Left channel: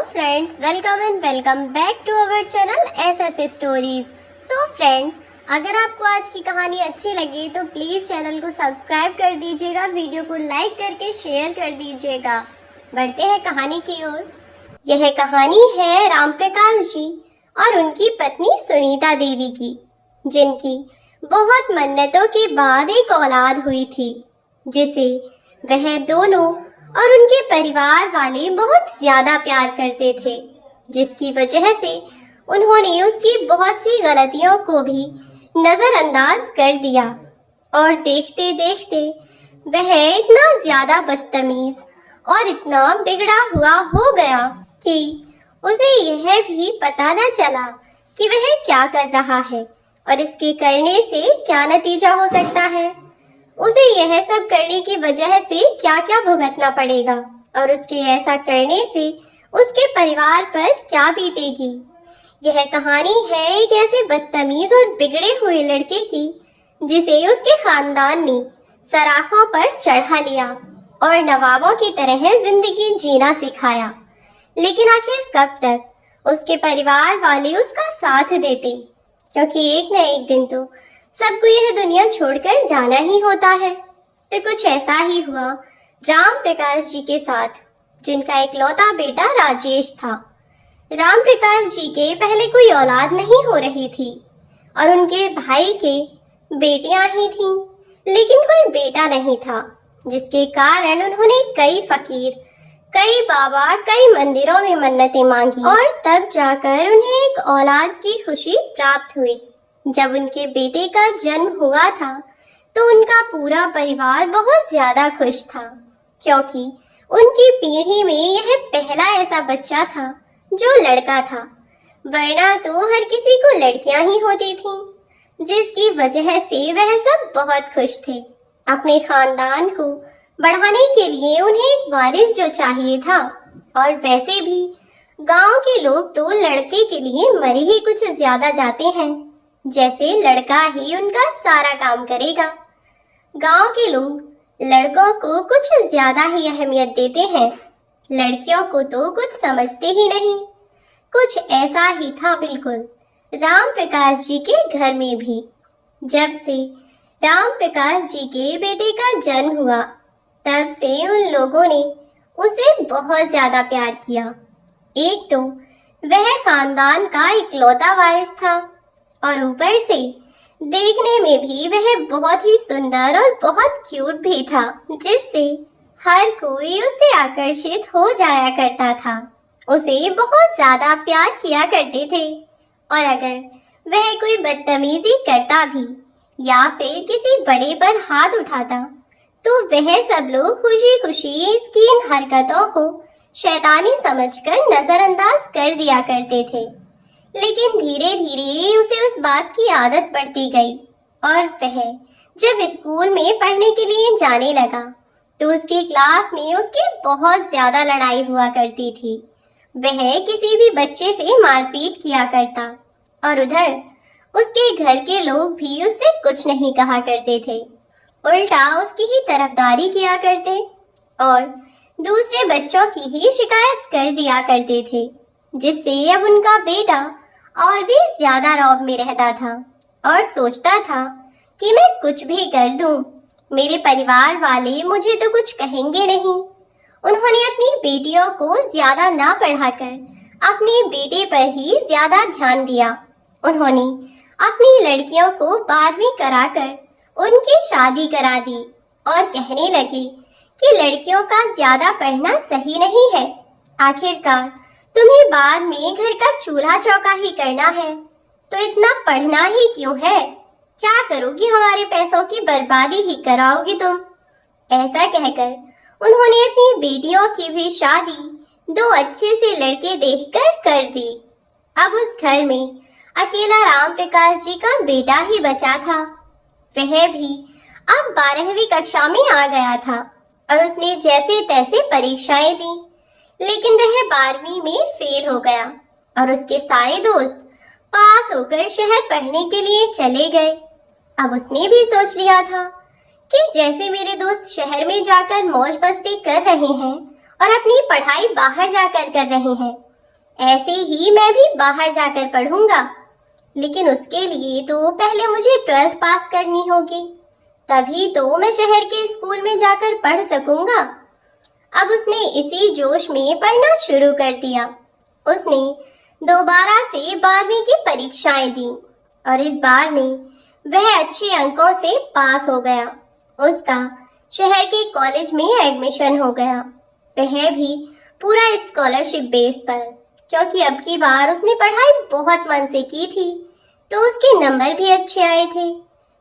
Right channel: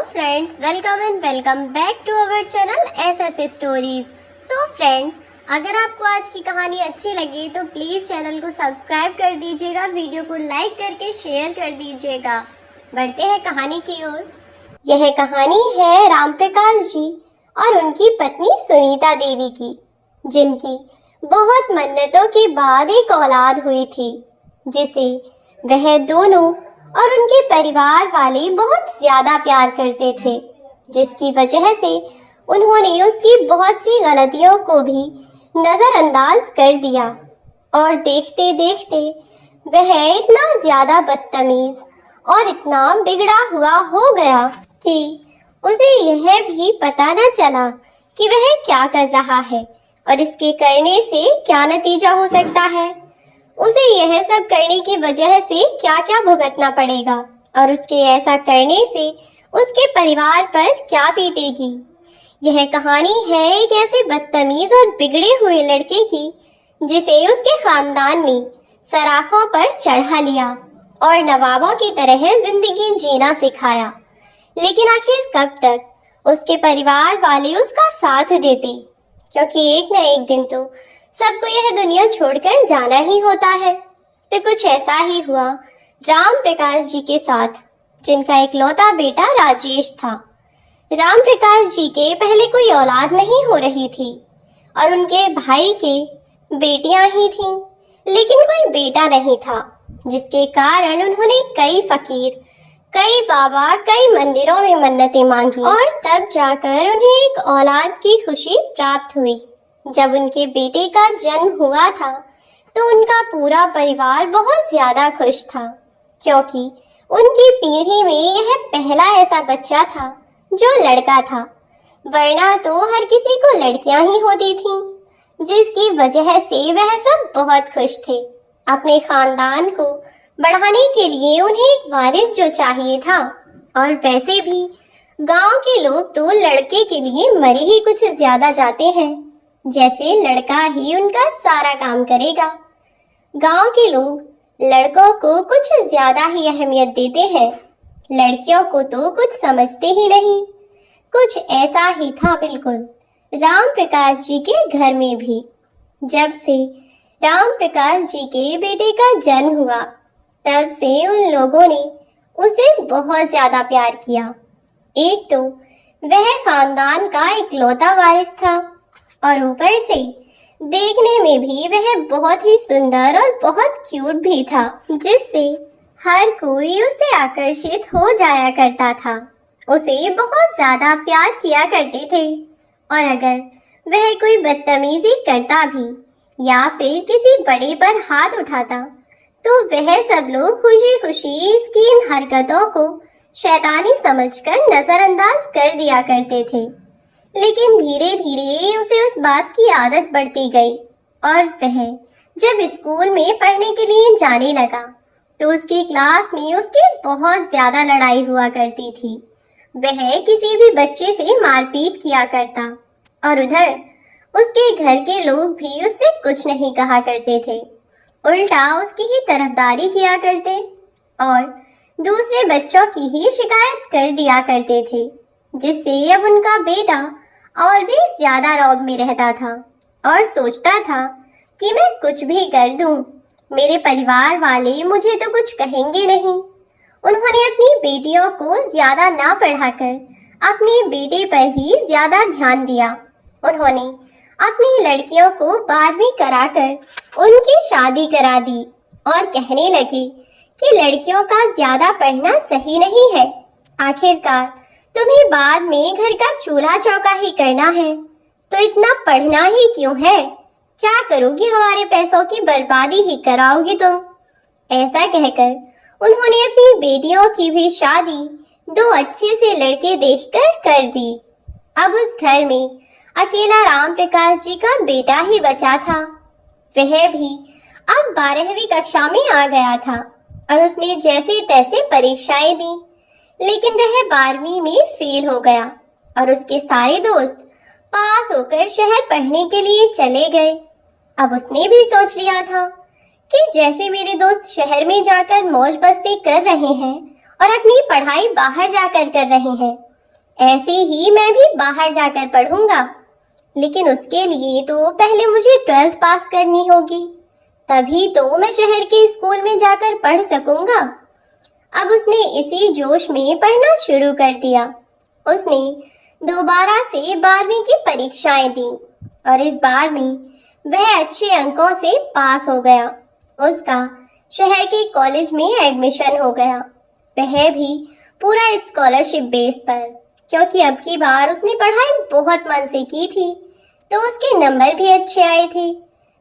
Hello friends, welcome and welcome back to our channel SS stories. So friends, अगर आपको आज की कहानी अच्छी लगी तो प्लीज़ चैनल को सब्सक्राइब कर दीजिएगा, वीडियो को लाइक करके शेयर कर दीजिएगा। बढ़ते हैं कहानी की ओर। यह कहानी है राम प्रकाश जी और उनकी पत्नी सुनीता देवी की, जिनकी बहुत मन्नतों के बाद एक औलाद हुई थी, जिसे वह दोनों और उनके परिवार वाले बहुत ज्यादा प्यार करते थे, जिसकी वजह से उन्होंने उसकी बहुत सी गलतियों को भी नजरअंदाज कर दिया और देखते देखते वह इतना ज्यादा बदतमीज और इतना बिगड़ा हुआ हो गया कि उसे यह भी पता न चला कि वह क्या कर रहा है और इसके करने से क्या नतीजा हो सकता है। उसे यह सब करने की वजह से क्या क्या भुगतना पड़ेगा और उसके ऐसा करने से उसके परिवार पर क्या बीतेगी। यह कहानी है एक ऐसे बदतमीज और बिगड़े हुए लड़के की, जिसे उसके खानदान ने सराखों पर चढ़ा लिया और नवाबों की तरह जिंदगी जीना सिखाया। लेकिन आखिर कब तक उसके परिवार वाले उसका साथ देते, क्योंकि एक न एक दिन तो सबको यह दुनिया छोड़कर जाना ही होता है। तो कुछ ऐसा ही हुआ राम प्रकाश जी के साथ, जिनका इकलौता बेटा राजेश था। राम प्रकाश जी के पहले कोई औलाद नहीं हो रही थी और उनके भाई के बेटियां ही थीं, लेकिन कोई बेटा नहीं था, जिसके कारण उन्होंने कई फकीर, कई बाबा, कई मंदिरों में मन्नतें मांगी और तब जाकर उन्हें एक औलाद की खुशी प्राप्त हुई। जब उनके बेटे का जन्म हुआ था तो उनका पूरा परिवार बहुत ज्यादा खुश था, क्योंकि उनकी पीढ़ी में यह पहला ऐसा बच्चा था जो लड़का था, वरना तो हर किसी को लड़कियां ही होती थीं, जिसकी वजह से वह सब बहुत खुश थे। अपने खानदान को बढ़ाने के लिए उन्हें एक वारिस जो चाहिए था, और वैसे भी गांव के लोग तो लड़के के लिए मरी ही कुछ ज्यादा जाते हैं, जैसे लड़का ही उनका सारा काम करेगा। गांव के लोग लड़कों को कुछ ज्यादा ही अहमियत देते हैं, लड़कियों को तो कुछ समझते ही नहीं। कुछ ऐसा ही था बिल्कुल राम प्रकाश जी के घर में भी। जब से राम प्रकाश जी के बेटे का जन्म हुआ, तब से उन लोगों ने उसे बहुत ज्यादा प्यार किया। एक तो वह खानदान का इकलौता वारिस था और ऊपर से देखने में भी वह बहुत ही सुंदर और बहुत क्यूट भी था, जिससे हर कोई उससे आकर्षित हो जाया करता था। उसे बहुत ज्यादा प्यार किया करते थे, और अगर वह कोई बदतमीजी करता भी या फिर किसी बड़े पर हाथ उठाता तो वह सब लोग खुशी खुशी इसकी इन हरकतों को शैतानी समझकर नजरअंदाज कर दिया करते थे। लेकिन धीरे धीरे उसे उस बात की आदत बढ़ती गई, और वह जब स्कूल में पढ़ने के लिए जाने लगा तो उसकी क्लास में उसकी बहुत ज्यादा लड़ाई हुआ करती थी। वह किसी भी बच्चे से मारपीट किया करता, और उधर उसके घर के लोग भी उससे कुछ नहीं कहा करते थे, उल्टा उसकी ही तरफदारी किया करते और दूसरे बच्चों की ही शिकायत कर दिया करते थे, जिससे अब उनका बेटा और भी ज्यादा रौब में रहता था और सोचता था कि मैं कुछ भी कर दूं, मेरे परिवार वाले मुझे तो कुछ कहेंगे नहीं। उन्होंने अपनी बेटियों को ज्यादा ना पढ़ाकर अपने बेटे पर ही ज्यादा ध्यान दिया। उन्होंने अपनी लड़कियों को 12वीं कराकर उनकी शादी करा दी और कहने लगे कि लड़कियों का ज्यादा पढ़ना सही नहीं है, आखिरकार तुम्हें बाद में घर का चूल्हा चौका ही करना है, तो इतना पढ़ना ही क्यों है? क्या करोगी, हमारे पैसों की बर्बादी ही कराओगी तुम। ऐसा कहकर उन्होंने अपनी बेटियों की भी शादी 2 अच्छे से लड़के देखकर कर दी। अब उस घर में अकेला राम प्रकाश जी का बेटा ही बचा था। वह भी अब 12वीं कक्षा में आ गया था और उसने जैसे तैसे परीक्षाएं दी, लेकिन वह 12वीं में फेल हो गया और उसके सारे दोस्त पास होकर शहर पढ़ने के लिए चले गए। अब उसने भी सोच लिया था कि जैसे मेरे दोस्त शहर में जाकर मौज मस्ती कर रहे हैं और अपनी पढ़ाई बाहर जाकर कर रहे हैं, ऐसे ही मैं भी बाहर जाकर पढ़ूंगा, लेकिन उसके लिए तो पहले मुझे 12th पास करनी होगी, तभी तो मैं शहर के स्कूल में जाकर पढ़ सकूंगा। अब उसने इसी जोश में पढ़ना शुरू कर दिया। उसने दोबारा से 12वीं की परीक्षाएं दी और इस बार में वह अच्छे अंकों से पास हो गया। उसका शहर के कॉलेज में एडमिशन हो गया, वह भी पूरा स्कॉलरशिप बेस पर, क्योंकि अब की बार उसने पढ़ाई बहुत मन से की थी, तो उसके नंबर भी अच्छे आए थे,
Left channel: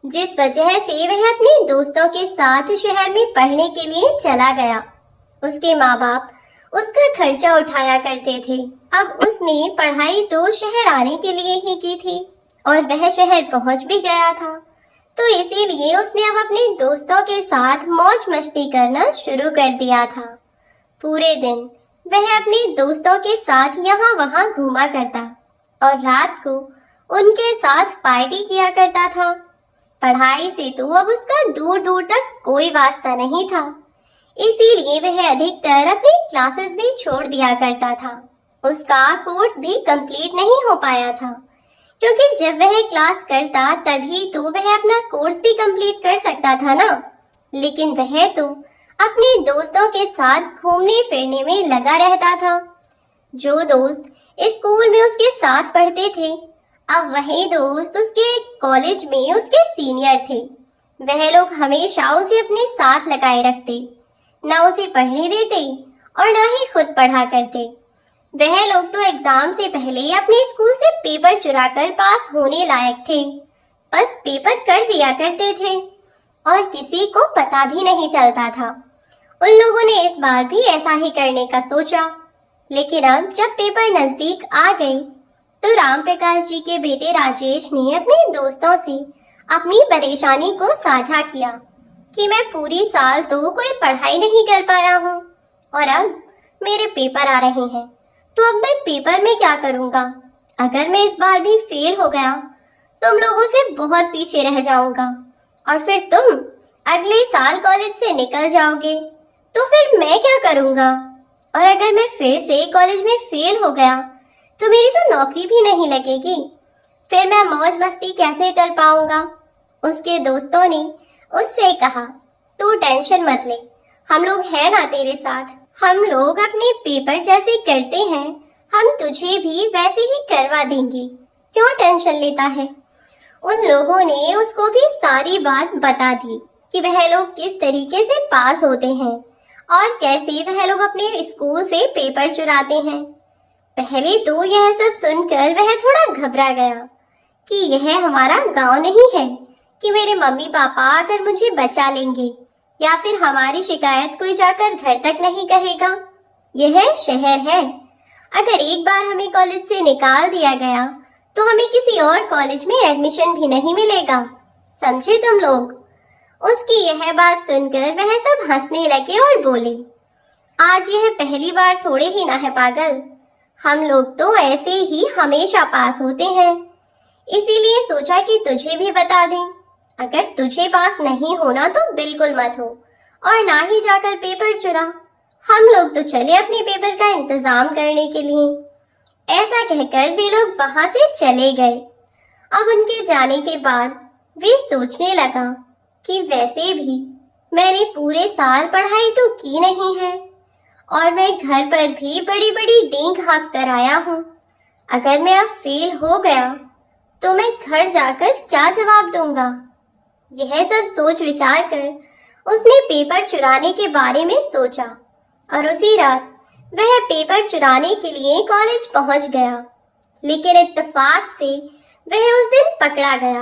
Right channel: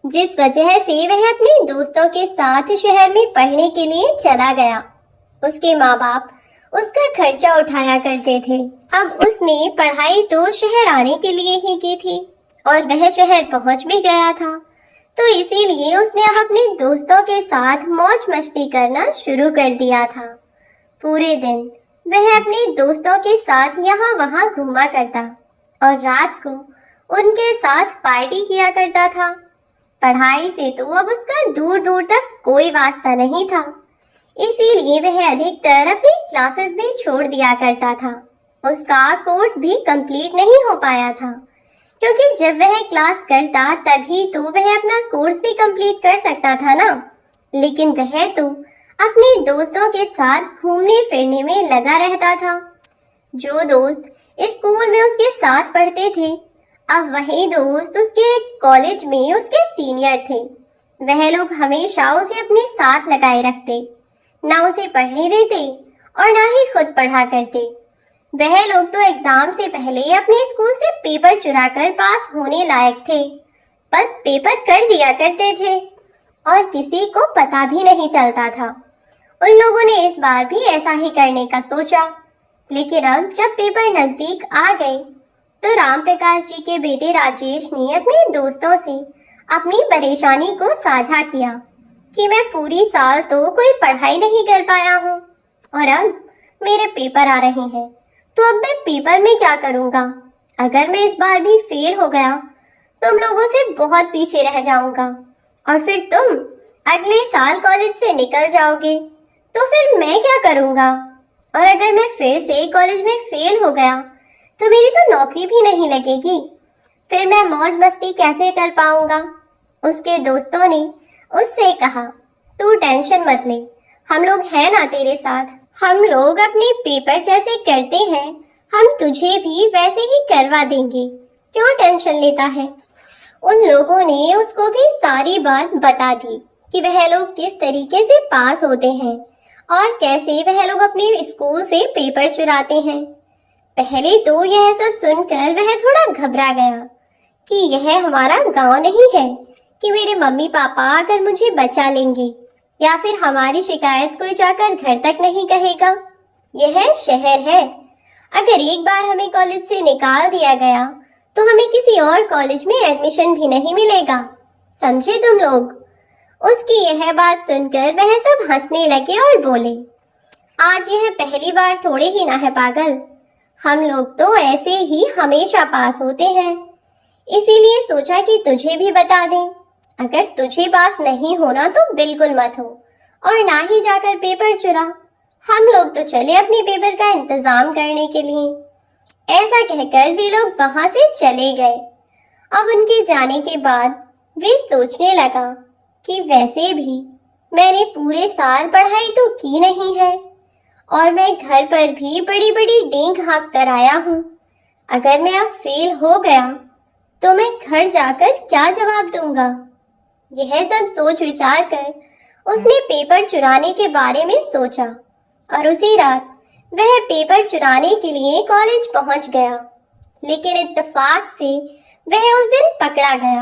जिस वजह से वह अपने दोस्तों के साथ शहर में पढ़ने के लिए चला गया। उसके माँ बाप उसका खर्चा उठाया करते थे। अब उसने पढ़ाई तो शहर आने के लिए ही की थी और वह शहर पहुंच भी गया था, तो इसीलिए उसने अब अपने दोस्तों के साथ मौज मस्ती करना शुरू कर दिया था। पूरे दिन वह अपने दोस्तों के साथ यहाँ वहाँ घूमा करता और रात को उनके साथ पार्टी किया करता था। पढ़ाई से तो अब उसका दूर दूर तक कोई वास्ता नहीं था, इसीलिए वह अधिकतर अपनी क्लासेस भी छोड़ दिया करता था। उसका कोर्स भी कंप्लीट नहीं हो पाया था, क्योंकि जब वह क्लास करता तभी तो वह अपना कोर्स भी कंप्लीट कर सकता था ना। लेकिन वह तो अपने दोस्तों के साथ घूमने फिरने में लगा रहता था। जो दोस्त स्कूल में उसके साथ पढ़ते थे, अब वही दोस्त उसके कॉलेज में उसके सीनियर थे। वह लोग हमेशा उसे अपने साथ लगाए रखते, ना उसे पढ़ने देते और ना ही खुद पढ़ा करते। वह लोग तो एग्जाम से पहले अपने स्कूल से पेपर चुराकर पास होने लायक थे, बस पेपर कर दिया करते थे और किसी को पता भी नहीं चलता था। उन लोगों ने इस बार भी ऐसा ही करने का सोचा, लेकिन अब जब पेपर नजदीक आ गए तो राम प्रकाश जी के बेटे राजेश ने अपने दोस्तों से अपनी परेशानी को साझा किया कि मैं पूरी साल तो कोई पढ़ाई नहीं कर पाया हूँ और अब मेरे पेपर आ रहे हैं, तो अब मैं पेपर में क्या करूँगा? अगर मैं इस बार भी फेल हो गया तुम लोगों से बहुत पीछे रह जाऊंगा और फिर तुम अगले साल कॉलेज से निकल जाओगे, तो फिर मैं क्या करूँगा? और अगर मैं फिर से कॉलेज में फेल हो गया तो मेरी तो नौकरी भी नहीं लगेगी, फिर मैं मौज मस्ती कैसे कर पाऊंगा? उसके दोस्तों ने उससे कहा, तू टेंशन मत ले, हम लोग हैं ना तेरे साथ। हम लोग अपने पेपर जैसे करते हैं, हम तुझे भी वैसे ही करवा देंगे, क्यों टेंशन लेता है? उन लोगों ने उसको भी सारी बात बता दी कि वह लोग किस तरीके से पास होते हैं और कैसे वह लोग अपने स्कूल से पेपर चुराते हैं। पहले तो यह सब सुनकर वह थोड़ा घबरा गया कि यह हमारा गांव नहीं है कि मेरे मम्मी पापा अगर मुझे बचा लेंगे या फिर हमारी शिकायत कोई जाकर घर तक नहीं कहेगा। यह शहर है, अगर एक बार हमें कॉलेज से निकाल दिया गया तो हमें किसी और कॉलेज में एडमिशन भी नहीं मिलेगा, समझे तुम लोग? उसकी यह बात सुनकर वह सब हंसने लगे और बोले, आज यह पहली बार थोड़े ही ना है पागल, हम लोग तो ऐसे ही हमेशा पास होते हैं, इसीलिए सोचा कि तुझे भी बता दें। अगर तुझे पास नहीं होना तो बिल्कुल मत हो और ना ही जाकर पेपर चुरा, हम लोग तो चले अपने पेपर का इंतजाम करने के लिए। ऐसा कहकर वे लोग वहां से चले गए। अब उनके जाने के बाद वे सोचने लगा कि वैसे भी मैंने पूरे साल पढ़ाई तो की नहीं है और मैं घर पर भी बड़ी बड़ी डेंग हाँक कर आया हूँ। अगर मैं अब फेल हो गया तो मैं घर जाकर क्या जवाब दूंगा? यह सब सोच विचार कर उसने पेपर चुराने के बारे में सोचा और उसी रात वह पेपर चुराने के लिए कॉलेज पहुंच गया। लेकिन इत्तेफाक से वह उस दिन पकड़ा गया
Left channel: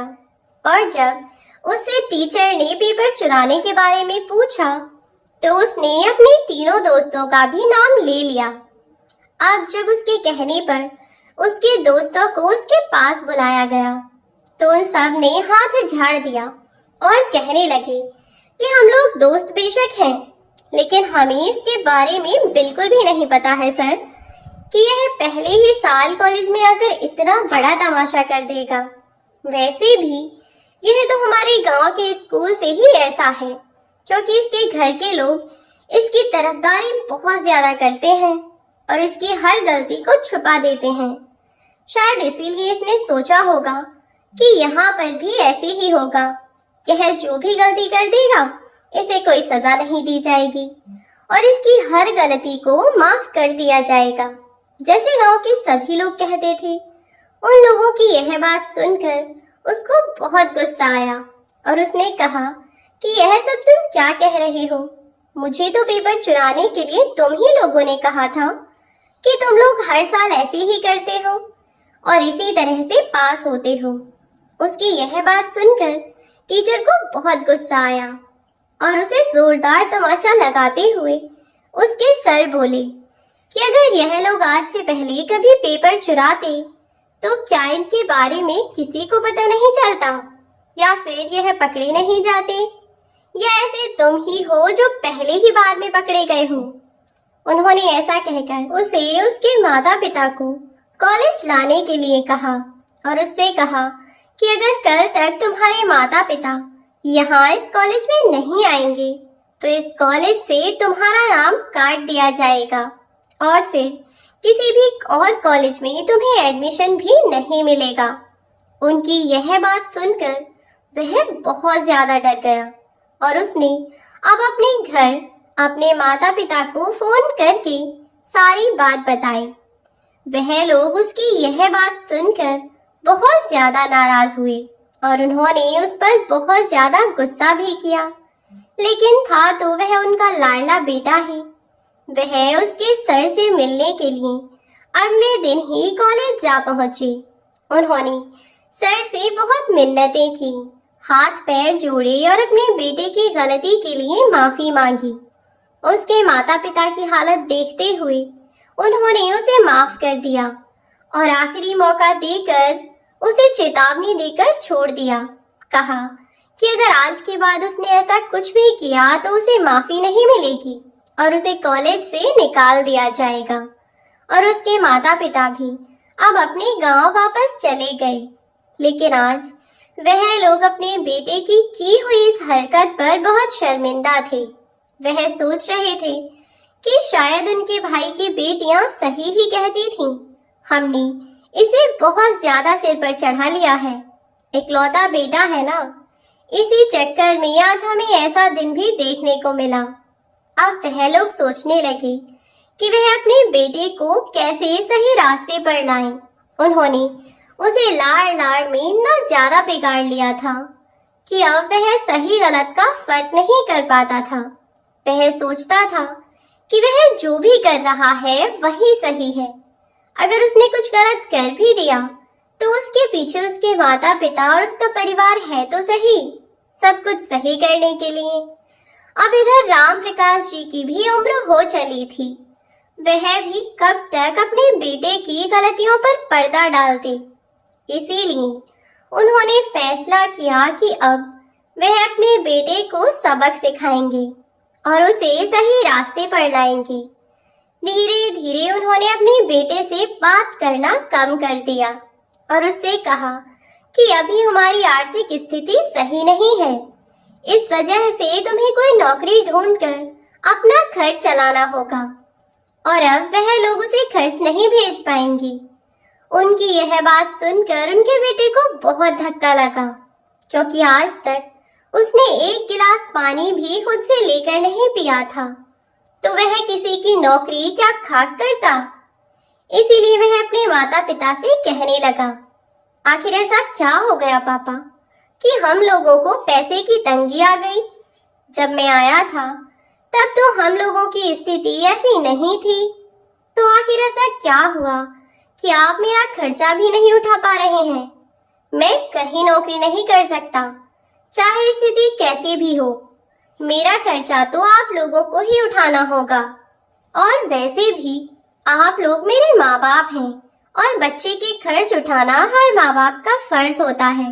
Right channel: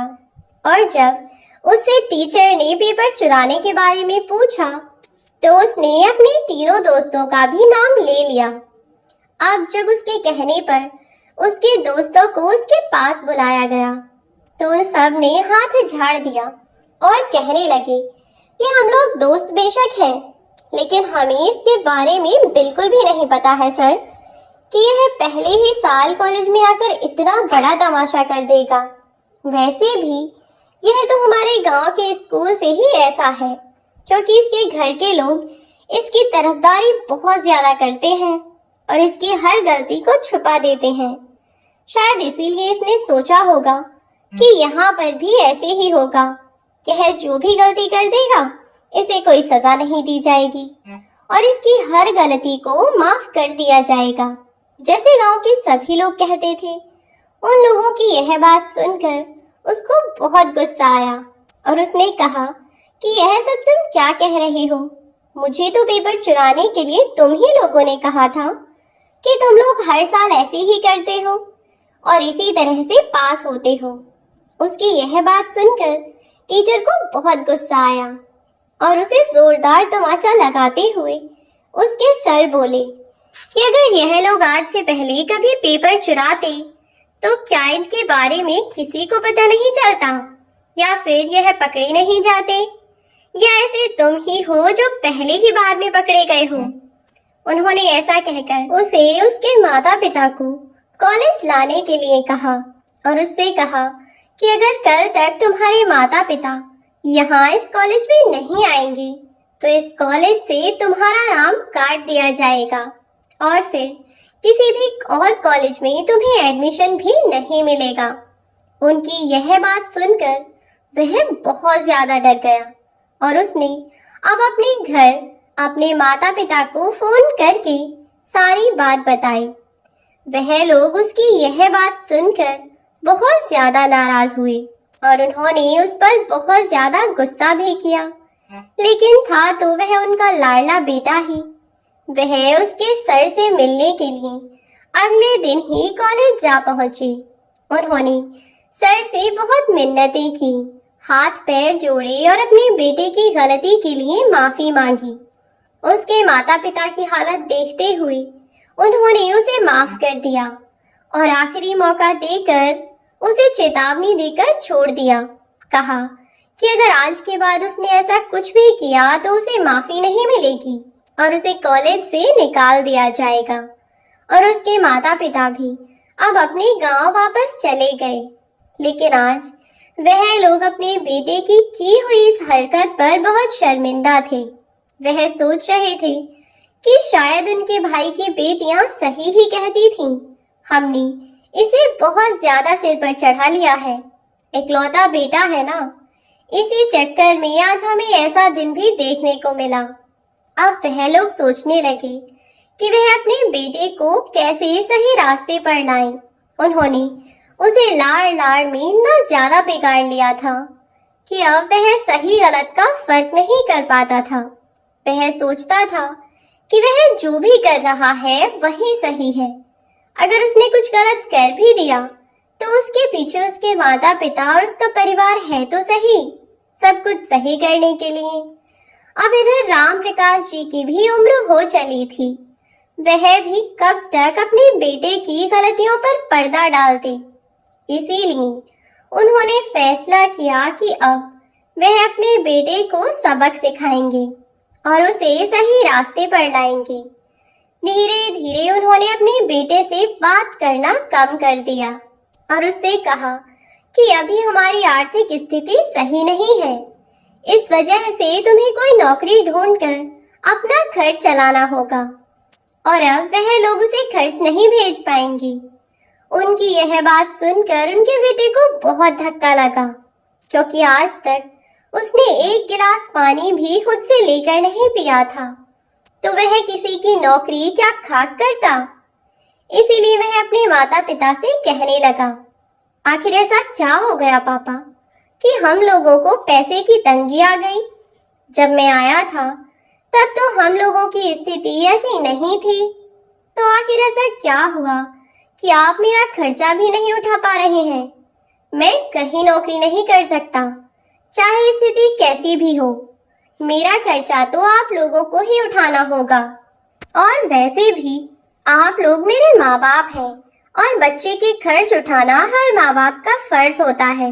और जब उससे टीचर ने पेपर चुराने के बारे में पूछा तो उसने अपने तीनों दोस्तों का भी नाम ले लिया। अब जब उसके कहने पर उसके दोस्तों को उसके पास बुलाया गया तो उन सब ने हाथ झाड़ दिया और कहने लगे कि हम लोग दोस्त बेशक हैं, लेकिन हमें इसके बारे में बिल्कुल भी नहीं पता है सर कि यह पहले ही साल कॉलेज में आकर इतना बड़ा तमाशा कर देगा। वैसे भी यह तो हमारे गांव के स्कूल से ही ऐसा है, क्योंकि इसके घर के लोग इसकी तरफदारी बहुत ज्यादा करते हैं और इसकी हर गलती को छुपा देते हैं। शायद इसीलिए इसने सोचा होगा कि यहाँ पर भी ऐसे ही होगा कि है जो भी गलती कर देगा इसे कोई सजा नहीं दी जाएगी और इसकी हर गलती को माफ कर दिया जाएगा, जैसे गांव के सभी लोग कहते थे। उन लोगों की यह बात सुनकर उसको बहुत गुस्सा आया और उसने कहा कि यह सब तुम क्या कह रहे हो? मुझे तो पेपर चुराने के लिए तुम ही लोगों ने कहा था कि तुम लोग हर साल ऐसे ही करते हो और इसी तरह से पास होते हो। उसकी यह बात सुनकर टीचर को बहुत गुस्सा आया और उसे जोरदार तमाचा लगाते हुए उसके सर बोले कि अगर यह लोग आज से पहले कभी पेपर चुराते तो क्या इनके बारे में किसी को पता नहीं चलता, या फिर यह पकड़े नहीं जाते, या ऐसे तुम ही हो जो पहले ही बार में पकड़े गए हो। उन्होंने ऐसा कहकर उसे उसके माता पिता को कॉलेज लाने के लिए कहा और उससे कहा कि अगर कल तक तुम्हारे माता पिता यहाँ इस कॉलेज में नहीं आएंगे तो इस कॉलेज से तुम्हारा नाम काट दिया जाएगा और फिर किसी भी और कॉलेज में तुम्हें एडमिशन भी नहीं मिलेगा। उनकी यह बात सुनकर वह बहुत ज्यादा डर गया और उसने अब अपने घर अपने माता पिता को फोन करके सारी बात बताई। वह लोग उसकी यह बात सुनकर बहुत ज्यादा नाराज हुए और उन्होंने उस पर बहुत ज्यादा गुस्सा भी किया, लेकिन था तो वह उनका लाडला बेटा ही। वह उसके सर से मिलने के लिए अगले दिन ही कॉलेज जा पहुंचे। उन्होंने सर से बहुत मिन्नतें की, हाथ पैर जोड़े और अपने बेटे की गलती के लिए माफी मांगी। उसके माता पिता की हालत देखते हुए उन्होंने उसे माफ कर दिया और आखिरी मौका देकर उसे चेतावनी देकर छोड़ दिया। कहा कि अगर आज के बाद उसने ऐसा कुछ भी किया तो उसे माफी नहीं मिलेगी और उसे कॉलेज से निकाल दिया जाएगा। और उसके माता पिता भी अब अपने गांव वापस चले गए। लेकिन आज वह लोग अपने बेटे की हुई इस हरकत पर बहुत शर्मिंदा थे। वह सोच रहे थे कि शायद उनके भाई की बेटियां सही ही कहती थीं। हमने इसे बहुत ज्यादा सिर पर चढ़ा लिया है, इकलौता बेटा है ना, इसी चक्कर में आज हमें ऐसा दिन भी देखने को मिला। अब वह लोग सोचने लगे कि वह अपने बेटे को कैसे सही रास्ते पर लाएं। उन्होंने उसे लाड़ लाड़ में इतना ज्यादा बिगाड़ लिया था कि अब वह सही गलत का फर्क नहीं कर पाता था। वह सोचता था कि वह जो भी कर रहा है वही सही है। अगर उसने कुछ गलत कर भी दिया तो उसके पीछे उसके माता पिता और उसका परिवार है तो सही, सब कुछ सही करने के लिए। अब इधर राम प्रकाश जी की भी उम्र हो चली थी। वह भी कब तक अपने बेटे की गलतियों पर पर्दा डालते। इसीलिए उन्होंने फैसला किया कि अब वह अपने बेटे को सबक सिखाएंगे और उसे सही रास्ते पर लाएंगे। धीरे धीरे उन्होंने अपने बेटे से बात करना कम कर दिया और उससे कहा कि अभी हमारी आर्थिक स्थिति सही नहीं है, इस वजह से तुम्हें कोई नौकरी ढूंढकर अपना खर्च चलाना होगा। और अब वह लोग उसे खर्च नहीं भेज पाएंगे। उनकी यह बात सुनकर उनके बेटे को बहुत धक्का लगा, क्योंकि आज तक उसने एक गिलास पानी भी खुद से लेकर नहीं पिया था, तो वह किसी की नौकरी क्या खाक करता। इसीलिए वह अपने माता पिता से कहने लगा, आखिर ऐसा क्या हो गया पापा कि हम लोगों को पैसे की तंगी आ गई? जब मैं आया था तब तो हम लोगों की स्थिति ऐसी नहीं थी, तो आखिर ऐसा क्या हुआ कि आप मेरा खर्चा भी नहीं उठा पा रहे हैं? मैं कहीं नौकरी नहीं कर सकता, चाहे स्थिति कैसी भी हो। मेरा खर्चा तो आप लोगों को ही उठाना होगा। और वैसे भी आप लोग मेरे माँ बाप हैं और बच्चे के खर्च उठाना हर माँ बाप का फर्ज होता है।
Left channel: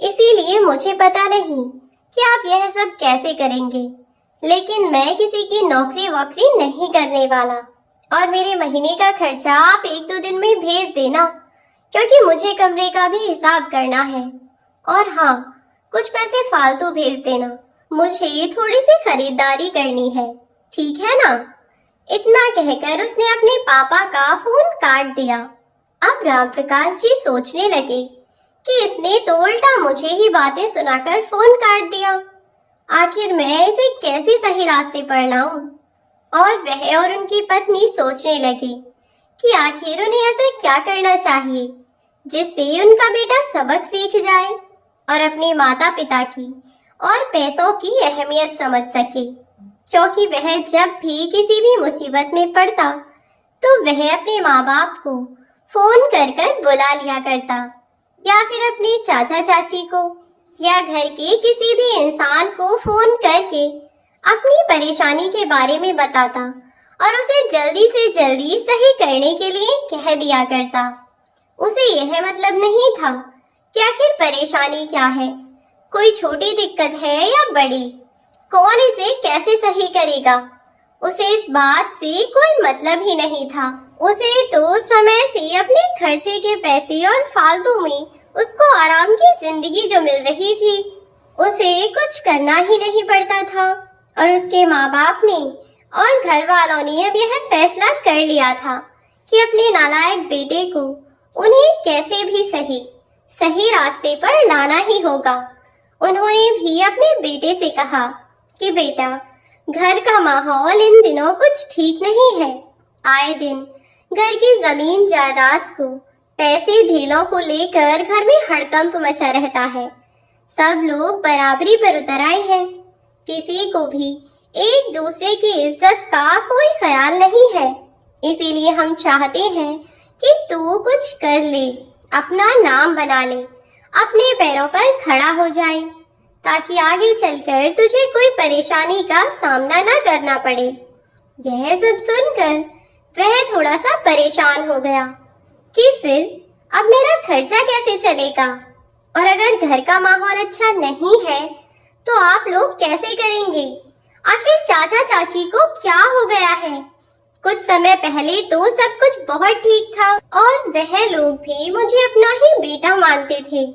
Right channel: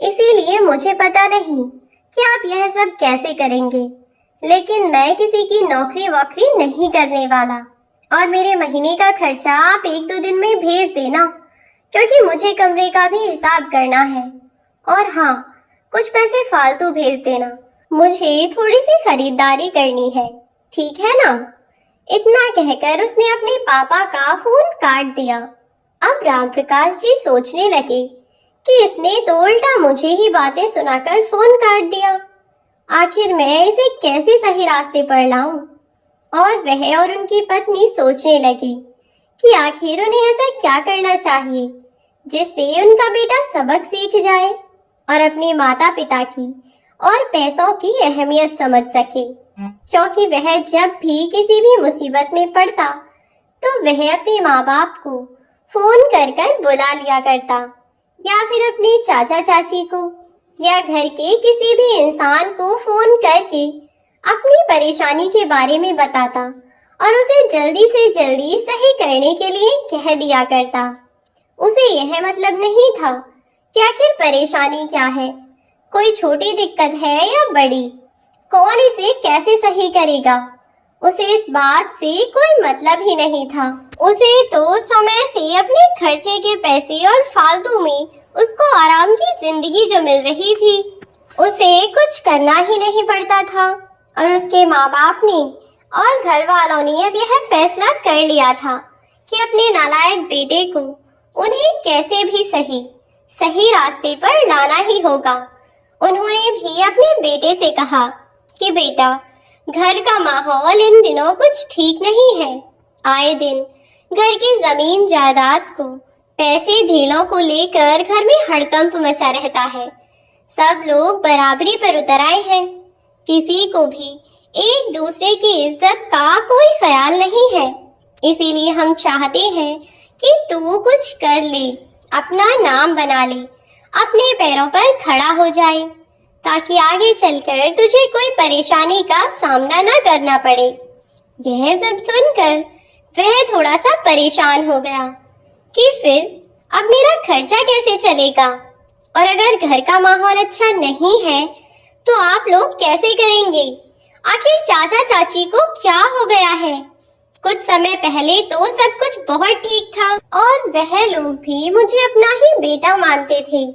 इसीलिए मुझे पता नहीं कि आप यह सब कैसे करेंगे, लेकिन मैं किसी की नौकरी वोकरी नहीं करने वाला और मेरे महीने का खर्चा आप 1-2 दिन में भेज देना, क्योंकि मुझे कमरे का भी हिसाब करना है। और हाँ, कुछ पैसे फालतू भेज देना, मुझे थोड़ी सी खरीदारी करनी है, ठीक है ना? इतना कहकर उसने अपने पापा का फोन काट दिया। अब रामप्रकाश जी सोचने लगे कि इसने तो उल्टा मुझे ही बातें सुनाकर फोन काट दिया। आखिर मैं इसे कैसे सही रास्ते पर लाऊं? और वह और उनकी पत्नी सोचने लगे कि आखिर उन्हें ऐसा क्या करना चाहिए जिससे उनका बेटा सबक सीख जाए और अपने माता पिता की और पैसों की अहमियत समझ सके। क्योंकि वह जब भी किसी भी मुसीबत में पड़ता तो वह अपने माँ बाप को फोन कर कर बुला लिया करता, या फिर अपने चाचा चाची को या घर के किसी भी इंसान को फोन करके अपनी परेशानी के बारे में बताता और उसे जल्दी से जल्दी सही करने के लिए कह दिया करता। उसे यह मतलब नहीं था कि आखिर परेशानी क्या है, कोई छोटी दिक्कत है या बड़ी, कौन इसे कैसे सही करेगा। उसे इस बात से कोई मतलब ही नहीं था। उसे तो समय से अपने खर्चे के पैसे और फालतू में उसको आराम की जिंदगी जो मिल रही थी उसे कुछ करना ही नहीं पड़ता था। और उसके माँ बाप ने और घर वालों ने अब यह फैसला कर लिया था कि अपने नालायक बेटे को उन्हें कैसे भी सही रास्ते पर लाना ही होगा। उन्होंने भी अपने बेटे से कहा कि बेटा, घर का माहौल इन दिनों कुछ ठीक नहीं है। आए दिन घर की जमीन जायदाद को पैसे धेलों को लेकर घर में हड़कंप मचा रहता है। सब लोग बराबरी पर उतर आए हैं। किसी को भी एक दूसरे की इज्जत का कोई ख्याल नहीं है। इसीलिए हम चाहते हैं कि तू कुछ कर ले, अपना नाम बना ले, अपने पैरों पर खड़ा हो जाए, ताकि आगे चलकर तुझे कोई परेशानी का सामना ना करना पड़े। यह सब सुनकर वह थोड़ा सा परेशान हो गया कि फिर अब मेरा खर्चा कैसे चलेगा, और अगर घर का माहौल अच्छा नहीं है तो आप लोग कैसे करेंगे? आखिर चाचा चाची को क्या हो गया है? कुछ समय पहले तो सब कुछ बहुत ठीक था और वह लोग भी मुझे अपना ही बेटा मानते थे।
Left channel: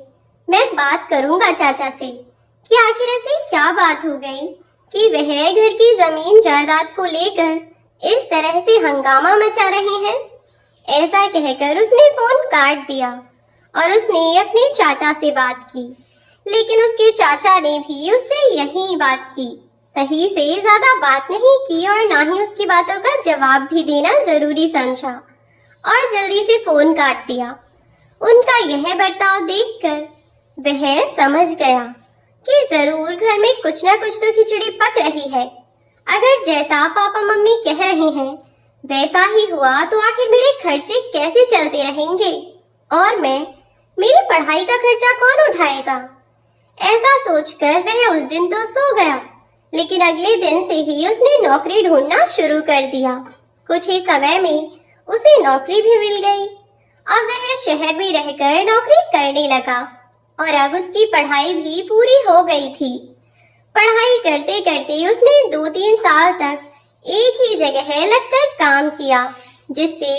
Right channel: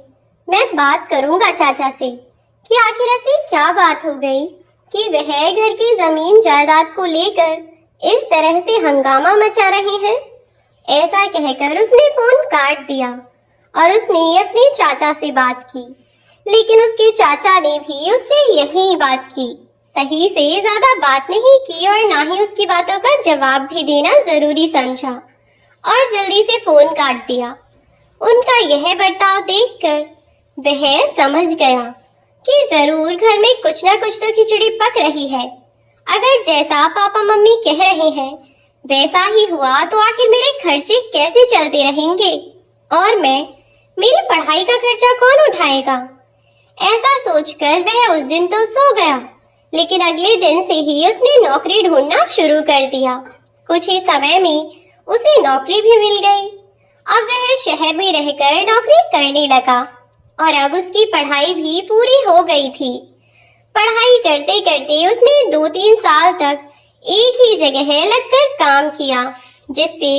मैं बात करूंगा चाचा से कि आखिर ऐसी क्या बात हो गई कि वह घर की जमीन जायदाद को लेकर इस तरह से हंगामा मचा रहे हैं। ऐसा कहकर उसने फोन काट दिया और उसने अपने चाचा से बात की, लेकिन उसके चाचा ने भी उससे यही बात की, सही से ज्यादा बात नहीं की और ना ही उसकी बातों का जवाब भी देना जरूरी समझा और जल्दी से फोन काट दिया। उनका यह बर्ताव देखकर वह समझ गया कि जरूर घर में कुछ ना कुछ तो खिचड़ी पक रही है। अगर जैसा पापा मम्मी कह रहे हैं वैसा ही हुआ तो आखिर मेरे खर्चे कैसे चलते रहेंगे और मेरी पढ़ाई का खर्चा कौन उठाएगा? ऐसा सोचकर वह उस दिन तो सो गया, लेकिन अगले दिन से ही उसने नौकरी ढूंढना शुरू कर दिया। कुछ ही समय में उसे नौकरी भी मिल गई। अब वह शहर में रहकर नौकरी करने लगा और अब उसकी पढ़ाई भी पूरी हो गई थी। पढ़ाई करते करते उसने 2-3 साल तक एक ही जगह लगकर काम किया, जिससे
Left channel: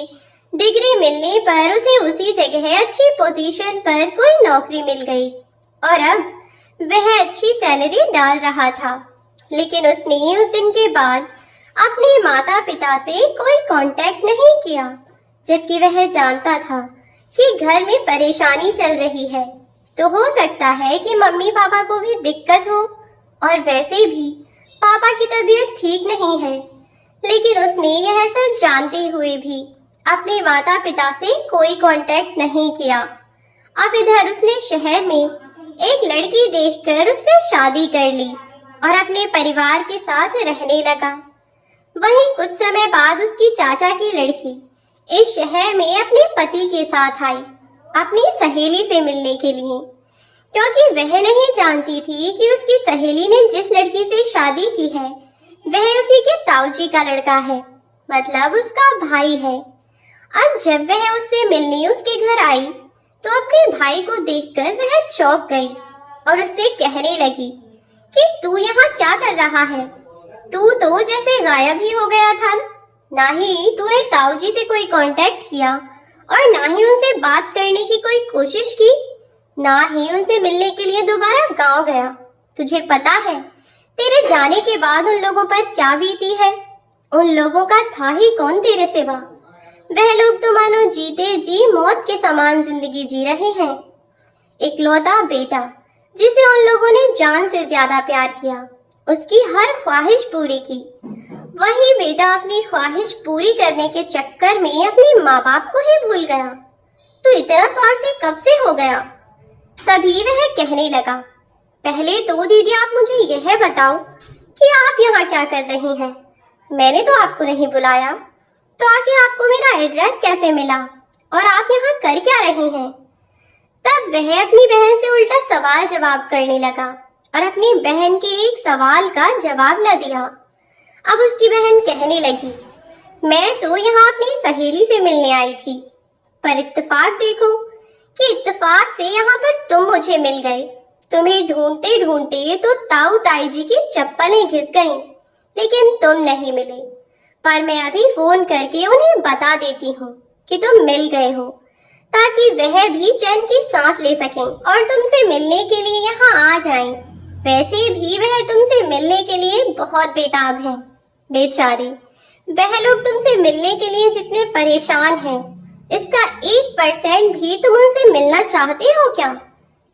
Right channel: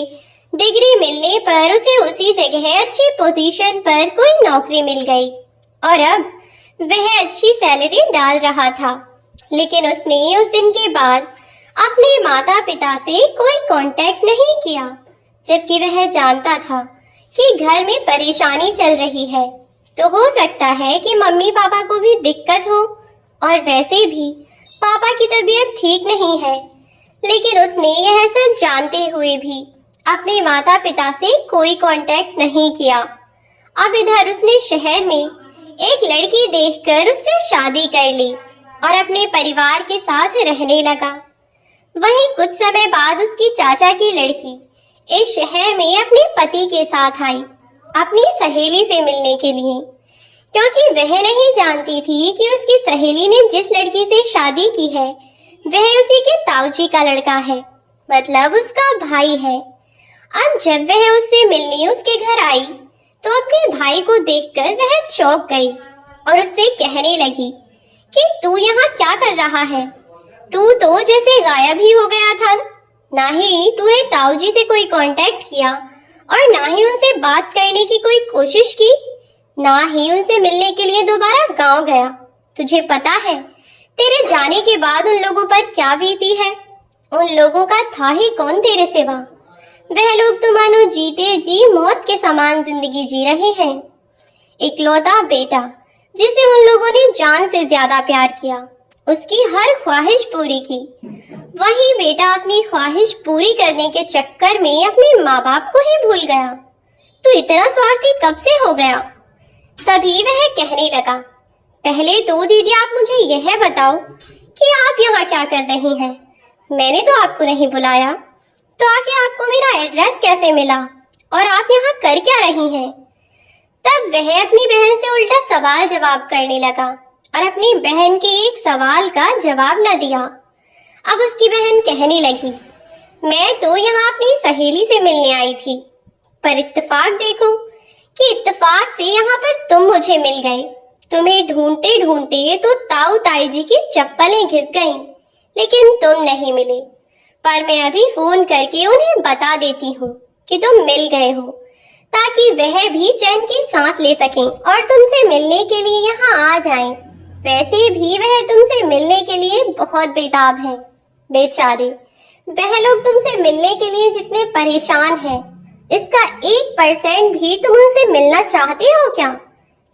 डिग्री मिलने पर उसे उसी जगह अच्छी पोजीशन पर कोई नौकरी मिल गई और अब वह अच्छी सैलरी डाल रहा था। लेकिन उसने उस दिन के बाद अपने माता पिता से कोई कांटेक्ट नहीं किया, जबकि वह जानता था कि घर में परेशानी चल रही है, तो हो सकता है कि मम्मी पापा को भी दिक्कत हो और वैसे भी पापा की तबीयत ठीक नहीं है। लेकिन उसने यह सब जानते हुए भी अपने माता पिता से कोई कांटेक्ट नहीं किया। अब इधर उसने शहर में एक लड़की देखकर उससे शादी कर ली और अपने परिवार के साथ रहने लगा। वहीं कुछ समय बाद उसकी चाचा की लड़की इस शहर में अपने पति के साथ आई अपनी सहेली से मिलने के लिए, क्योंकि वह नहीं जानती थी कि उसकी सहेली ने जिस लड़की से शादी की है वह उसी के ताऊजी का लड़का है, मतलब उसका भाई है। अब जब वह उससे मिलने उसके घर आई तो अपने भाई को देखकर वह चौंक गई और उससे कहने लगी कि तू यहाँ क्या कर रहा है? तू तो जैसे गायब ही हो गया था। ना ही तूने ताऊजी से कोई कांटेक्ट किया और ना ही उनसे बात करने की कोई कोशिश की, ना ही उनसे मिलने के लिए दोबारा गांव गया। तुझे पता है तेरे जाने के बाद उन लोगों पर क्या बीती है? उन लोगों का था ही कौन तेरे सिवा। वह लोग तो मानो जीते जी मौत के समान जिंदगी जी रहे हैं। इकलौता बेटा जिसे उन लोगों ने जान से ज्यादा प्यार किया, उसकी हर ख्वाहिश पूरी की, वही बेटा अपनी ख्वाहिश पूरी करने के चक्कर में अपने माँ बाप को ही भूल गया। तू इतना स्वार्थी कब से हो गया? तभी वह कहने लगा, पहले तो दीदी आप मुझे यह बताओ कि आप यहाँ क्या कर रही हैं? मैंने तो आपको नहीं बुलाया, तो आखिर आपको मेरा एड्रेस कैसे मिला और आप यहाँ कर क्या रही हैं? तब वह अपनी बहन से उल्टा सवाल जवाब करने लगा और अपनी बहन के एक सवाल का जवाब न दिया। अब उसकी बहन कहने लगी, मैं तो यहाँ अपनी सहेली से मिलने आई थी, पर इत्तेफाक देखो कि इत्तेफाक से यहाँ पर तुम मुझे मिल गए। तुम्हें ढूंढते ढूंढते तो ताऊ ताई जी की चप्पलें घिस गईं, लेकिन तुम नहीं मिले। पर मैं अभी फोन करके उन्हें बता देती हूँ कि तुम मिल गए हो, ताकि वह भी चैन की सांस ले सकें और तुमसे मिलने के लिए यहाँ आ जाएं। वैसे भी वह तुमसे मिलने के लिए बहुत बेताब हैं। बेचारे, वह लोग तुमसे मिलने के लिए जितने परेशान हैं, इसका 1% भी तुम उनसे मिलना चाहते हो क्या?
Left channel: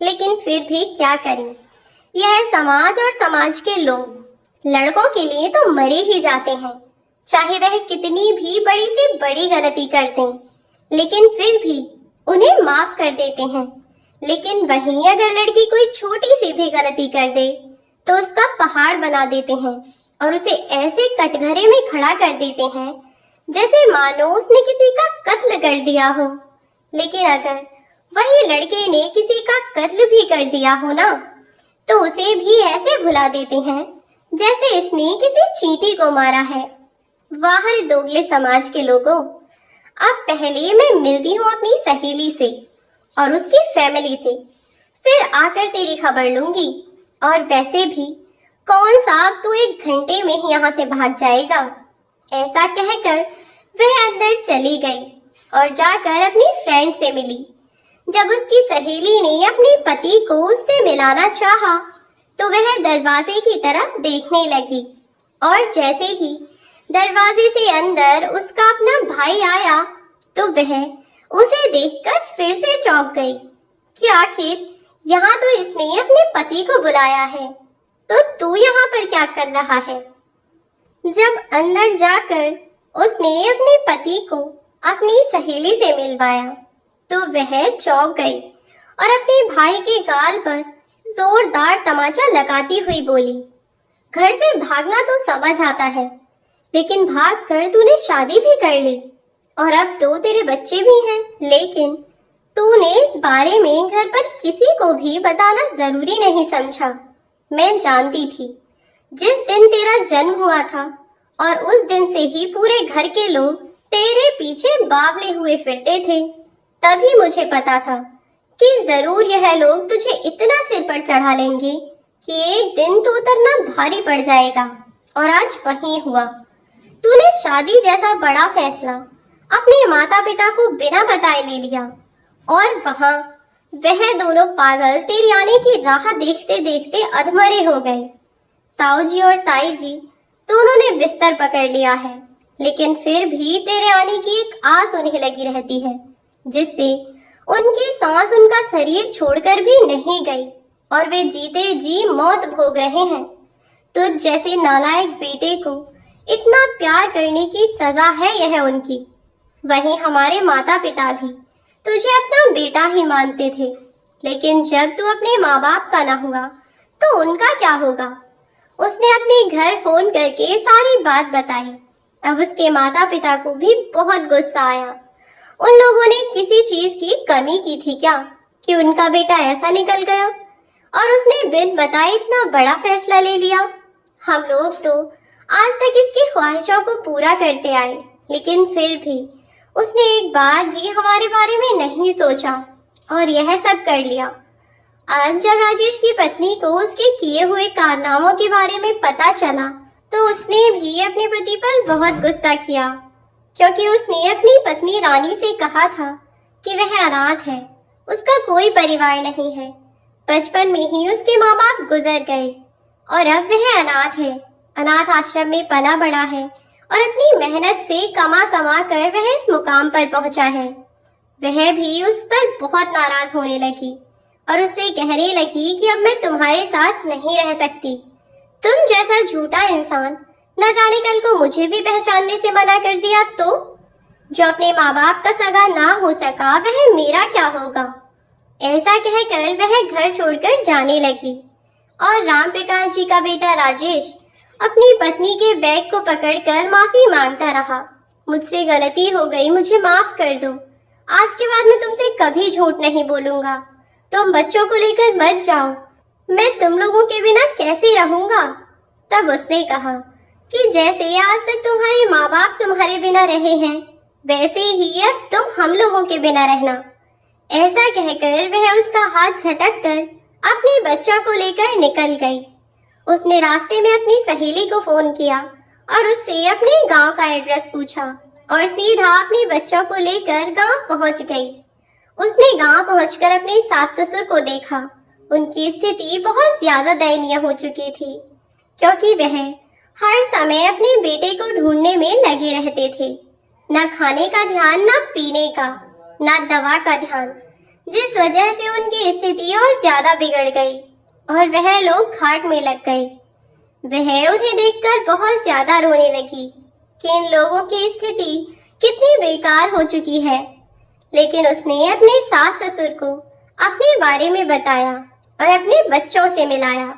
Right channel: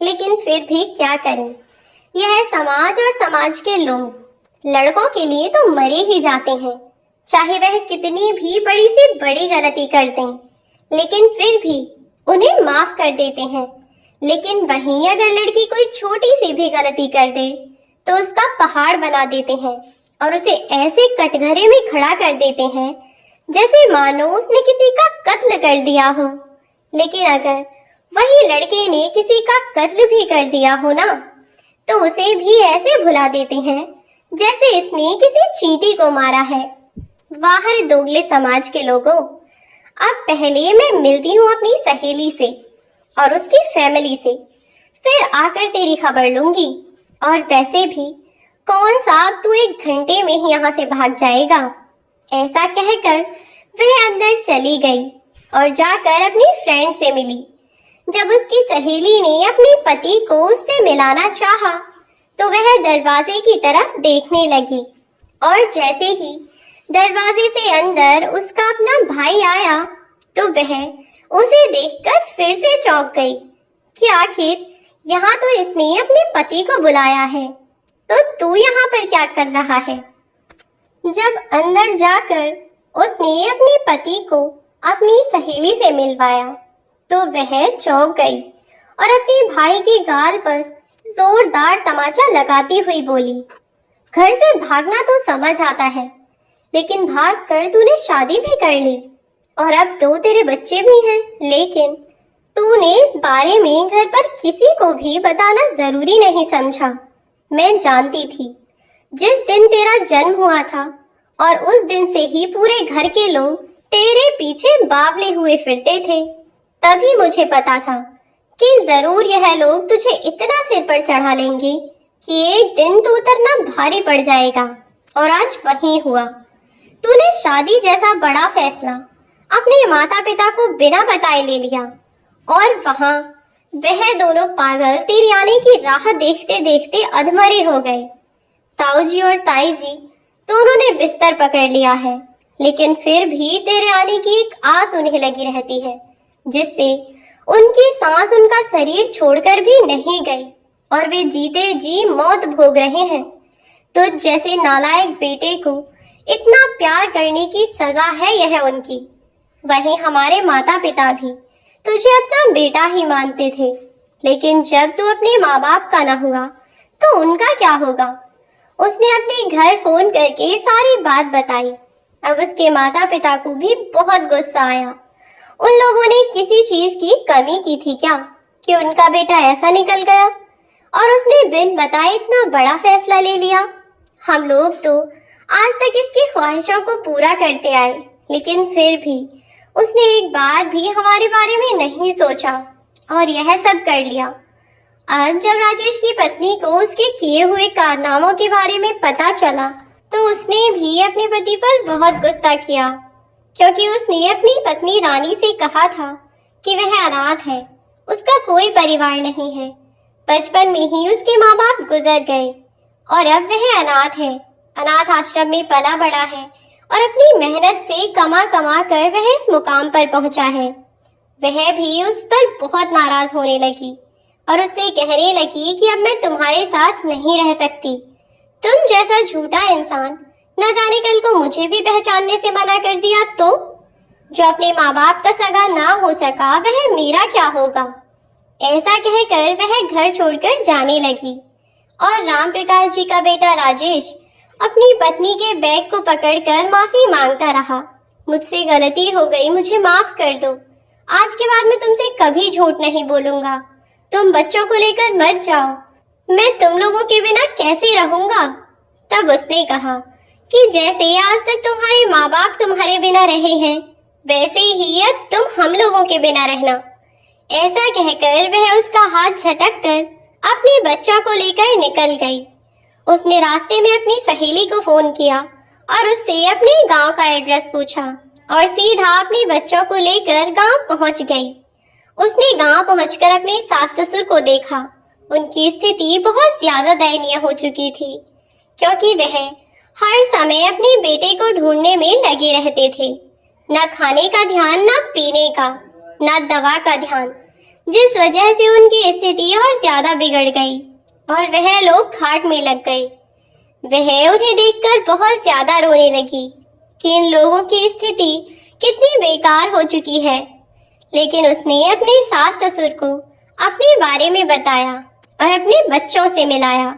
लेकिन फिर भी क्या करें, यह समाज और समाज के लोग लड़कों के लिए तो मरे ही जाते हैं, चाहे वह कितनी भी बड़ी से बड़ी गलती कर दें, लेकिन फिर भी उन्हें माफ कर देते हैं। लेकिन वहीं अगर लड़की कोई छोटी सी भी गलती कर दे तो उसका पहाड़ बना देते हैं और उसे ऐसे कटघरे में खड़ा कर देते हैं जैसे मानो उसने किसी का कत्ल कर दिया हो। लेकिन अगर वही लड़के ने किसी का कत्ल भी कर दिया हो ना, तो उसे भी ऐसे भुला देते हैं जैसे इसने किसी चींटी को मारा है। वाह दोगले समाज के लोगों, अब पहले मैं मिलती हूँ अपनी सहेली से और उसकी फैमिली से, फिर आकर तेरी खबर लूंगी। और वैसे भी कौन सा अब तू 1 घंटे में ही यहाँ से भाग जाएगा? ऐसा कहकर वह अंदर चली गई और जाकर अपनी फ्रेंड से मिली। जब उसकी सहेली ने अपने पति को उससे मिलाना चाहा, तो वह दरवाजे की तरफ देखने लगी और जैसे ही दरवाजे से अंदर उसका अपना भाई आया, तो वह उसे देखकर फिर से चौंक गई कि आखिर यहाँ तो इसने अपने पति को बुलाया है, तो तू यहाँ पर क्या कर रहा है? जब अंदर जाकर उसने अपने पति को अपनी सहेली से मिलवाया, तो वह चौंक गई और अपने भाई के गाल पर जोरदार तमाचा लगाती हुई बोली, घर से भागना तो समझ आता है, लेकिन भाग कर तूने शादी भी कर ली और अब 2 तेरे बच्चे भी हैं, लेकिन तूने इस बारे में घर पर किसी को भी बताना जरूरी नहीं समझा। मैं जानती थी जिस दिन तेरा जन्म हुआ था और उस दिन से ही पूरे घर के लोग तेरे पीछे बावले हुए फिरते थे, तभी मुझे पता था कि जरूर यह लोग तुझे इतना सिर पर चढ़ा लेंगे कि एक दिन तू उतरना भारी पड़ जाएगा। और आज वही हुआ। तूने शादी जैसा बड़ा फैसला अपने माता पिता को बिना बताए ले लिया और वहां वह दोनों पागल तेरी आने की राह देखते देखते अधमरे हो गए। ताऊ जी और ताई जी दोनों ने बिस्तर पकड़ लिया है, लेकिन फिर भी तेरे आने की एक आस उन्हें लगी रहती है, जिससे उनकी सांस उनका शरीर छोड़कर भी नहीं गई और वे जीते जी मौत भोग रहे हैं। तो जैसे नालायक बेटे को इतना प्यार करने की सजा है यह उनकी, वहीं हमारे माता पिता भी तुझे अपना बेटा ही मानते थे, लेकिन जब तू अपने माँ बाप का ना हुआ तो उनका क्या होगा? उसने अपने घर फोन करके सारी बात बताई। अब उसके माता पिता को भी बहुत गुस्सा आया। उन लोगों ने किसी चीज की कमी की थी क्या कि उनका बेटा ऐसा निकल गया और उसने बिन बताए इतना बड़ा फैसला ले लिया? हम लोग तो आज तक इसकी ख्वाहिशों को पूरा करते आए, लेकिन फिर भी उसने एक बार भी हमारे बारे में नहीं सोचा और यह सब कर लिया। आज जब राजेश की पत्नी को उसके किए हुए कारनामों के बारे में पता चला, तो उसने भी अपने पति पर बहुत गुस्सा किया, क्योंकि उसने अपनी पत्नी रानी से कहा था कि वह अनाथ है, उसका कोई परिवार नहीं है। बचपन में ही उसके माँ बाप गुजर गए और अब वह अनाथ है, अनाथ आश्रम में पला बड़ा है और अपनी मेहनत से कमा कमा कर वह इस मुकाम पर पहुंचा है। वह भी उस पर बहुत नाराज होने लगी और उससे कहने लगी कि अब मैं तुम्हारे साथ नहीं रह सकती। तुम जैसा झूठा इंसान न जाने कल को मुझे भी पहचानने से मना कर दिया तो जो अपने माँ बाप का सगा ना हो सका वह मेरा क्या होगा। ऐसा कहकर वह घर छोड़कर जाने लगी और राम प्रकाश जी का बेटा राजेश अपनी पत्नी के बैग को पकड़कर माफी मांगता रहा। मुझसे गलती हो गई, मुझे माफ कर दो। आज के बाद मैं तुमसे कभी झूठ नहीं बोलूंगा। तुम बच्चों को लेकर मत जाओ, मैं तुम लोगों के बिना कैसे रहूंगा। तब उसने कहा कि जैसे आज तक तुम्हारे माँ बाप तुम्हारे बिना रहे हैं वैसे ही अब तुम हम लोगों के बिना रहना। ऐसा कहकर वह उसका हाथ झटक कर अपने बच्चों को लेकर निकल गई। उसने रास्ते में अपनी सहेली को फोन किया और उससे अपने गांव का एड्रेस पूछा और सीधा अपने बच्चों को लेकर गांव पहुंच गई। उसने गांव पहुंचकर अपने सास ससुर को देखा। उनकी स्थिति बहुत ज्यादा दयनीय हो चुकी थी क्योंकि वह हर समय अपने बेटे को ढूंढने में लगे रहते थे। न खाने का ध्यान, न पीने का, न दवा का ध्यान, जिस वजह से उनकी स्थिति और ज्यादा बिगड़ गई और वह लोग घाट में लग गए। वह उन्हें देखकर बहुत ज्यादा रोने लगी कि इन लोगों की स्थिति कितनी बेकार हो चुकी है। लेकिन उसने अपने सास ससुर को अपने बारे में बताया और अपने बच्चों से मिलाया।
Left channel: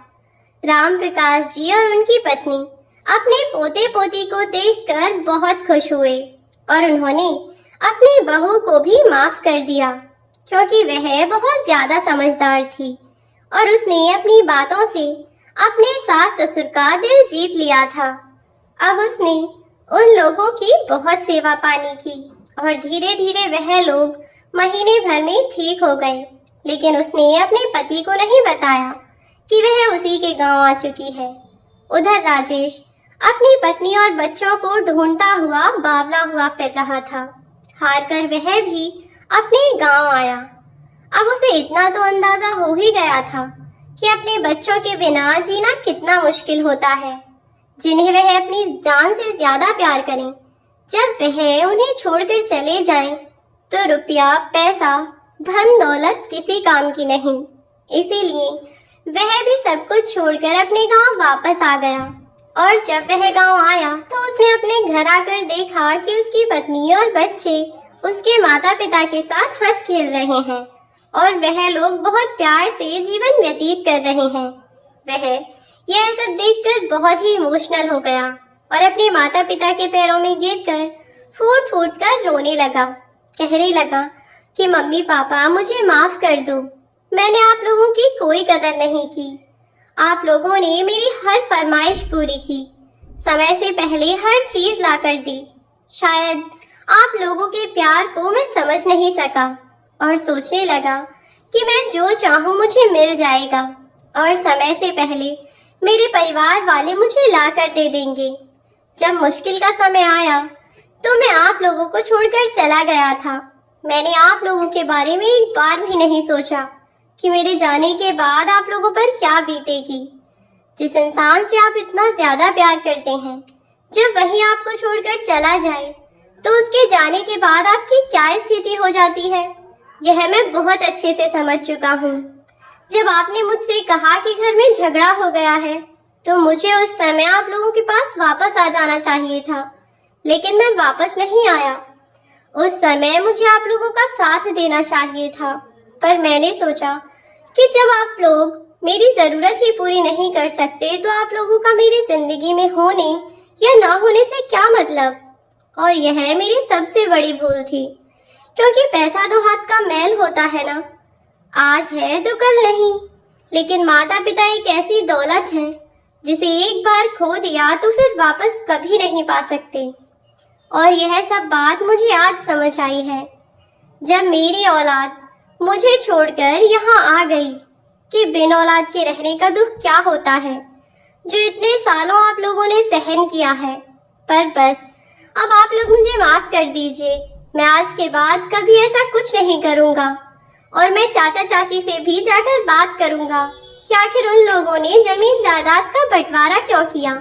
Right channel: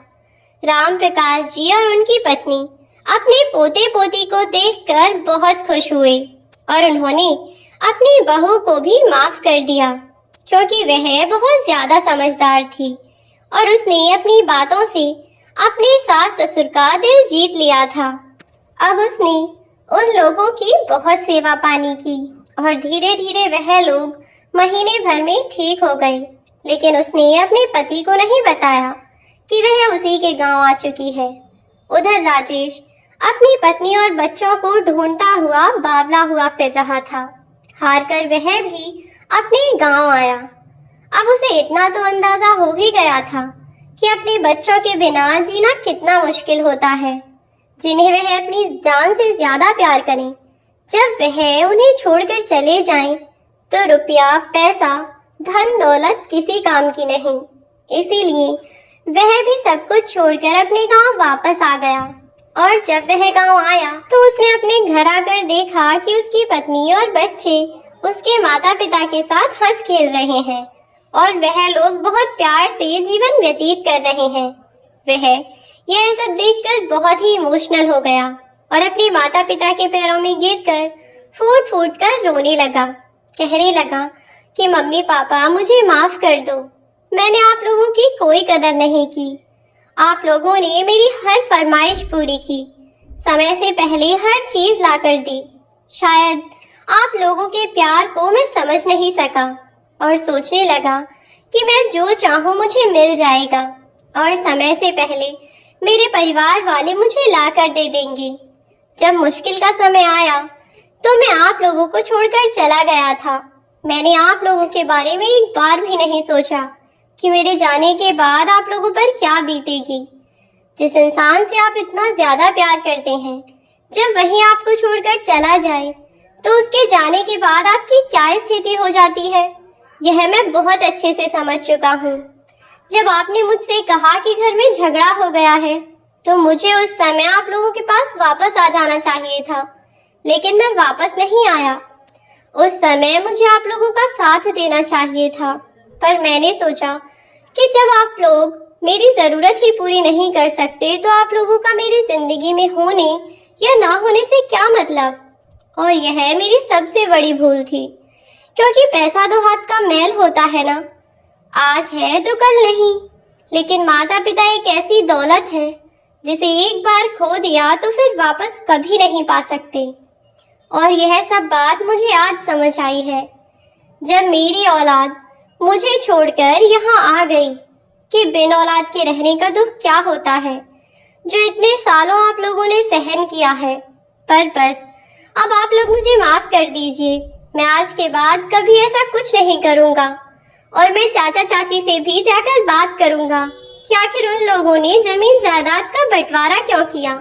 राम प्रकाश जी और उनकी पत्नी अपने पोते पोती को देखकर बहुत खुश हुए और उन्होंने अपनी बहू को भी माफ कर दिया क्योंकि वह बहुत ज्यादा समझदार थी और उसने अपनी बातों से अपने सास ससुर का दिल जीत लिया था। अब उसने उन लोगों की बहुत सेवा पानी की और धीरे धीरे वह लोग महीने भर में ठीक हो गए। लेकिन उसने अपने पति को नहीं बताया कि वह उसी के गांव आ चुकी है। उधर राजेश अपनी पत्नी और बच्चों को ढूंढता हुआ बावला हुआ फिर रहा था। हार कर वह भी अपने गांव आया। अब उसे इतना तो अंदाजा हो ही गया था कि अपने बच्चों के बिना जीना कितना मुश्किल होता है, जिन्हें वह अपनी जान से ज्यादा प्यार करें। जब वह उन्हें छोड़कर चले जाएं, तो रुपया, पैसा, धन दौलत किसी काम की नहीं। इसीलिए वह भी सब कुछ छोड़कर अपने गांव वापस आ गया। और जब वह गांव आया तो उसने अपने घर आकर देखा कि उसकी पत्नी और बच्चे उसके माता पिता के साथ हंस खेल रहे हैं और वह लोग बहुत प्यार से जीवन व्यतीत कर रहे हैं। वह यह सब देखकर बहुत ही इमोशनल हो गया और अपने माता पिता के पैरों में गिरकर फूट फूट कर रोने लगा। कहने लगा कि मम्मी पापा मुझे माफ कर दो, मैंने आप लोगों की कोई कदर नहीं की। आप लोगों ने मेरी हर फरमाइश पूरी की, समय से पहले हर चीज ला कर दी। शायद आप लोगों के प्यार को मैं समझ नहीं सका और सोचने लगा कि मैं जो चाहूँ मुझे मिल जाएगा और समय से पहले मेरे परिवार वाले मुझे ला कर दे देंगे। जब मुश्किल का समय आया तो मैं आप लोगों को छोड़कर चला गया था। मैंने आप लोगों के बारे में एक बार भी नहीं सोचा कि मेरे जाने के बाद आप लोगों पर क्या बीतेगी। जिस इंसान से आप इतना ज्यादा प्यार करते हैं, जब वही आपको छोड़कर चला जाए तो उसके जाने के बाद आपकी क्या स्थिति हो जाती है, यह मैं बहुत अच्छे से समझ चुका हूँ। जब आपने मुझसे कहा कि घर में झगड़ा हो गया है तो मुझे उस समय आप लोगों के पास वापस आ जाना चाहिए था, लेकिन मैं वापस नहीं आया। उस समय मुझे आप लोगों का साथ देना चाहिए था, पर मैंने सोचा कि जब आप लोग मेरी जरूरत ही पूरी नहीं कर सकते तो आप लोगों का मेरी जिंदगी में होने या ना होने से क्या मतलब। और यह मेरी सबसे बड़ी भूल थी, क्योंकि पैसा दो हाथ का मैल होता है ना, आज है तो कल नहीं। लेकिन माता पिता एक ऐसी दौलत है जिसे एक बार खो दिया तो फिर वापस कभी नहीं पा सकते। और यह सब बात मुझे आज समझ आई है जब मेरी औलाद मुझे छोड़कर यहाँ आ गई कि बिन औलाद के रहने का दुख क्या होता है, जो इतने सालों आप लोगों ने सहन किया है। पर बस अब आप लोग मुझे माफ कर दीजिए। मैं आज के बाद कभी ऐसा कुछ नहीं करूँगा और मैं चाचा चाची से भी जाकर बात करूँगा कि आखिर उन लोगों ने जमीन जायदाद का बंटवारा क्यों किया।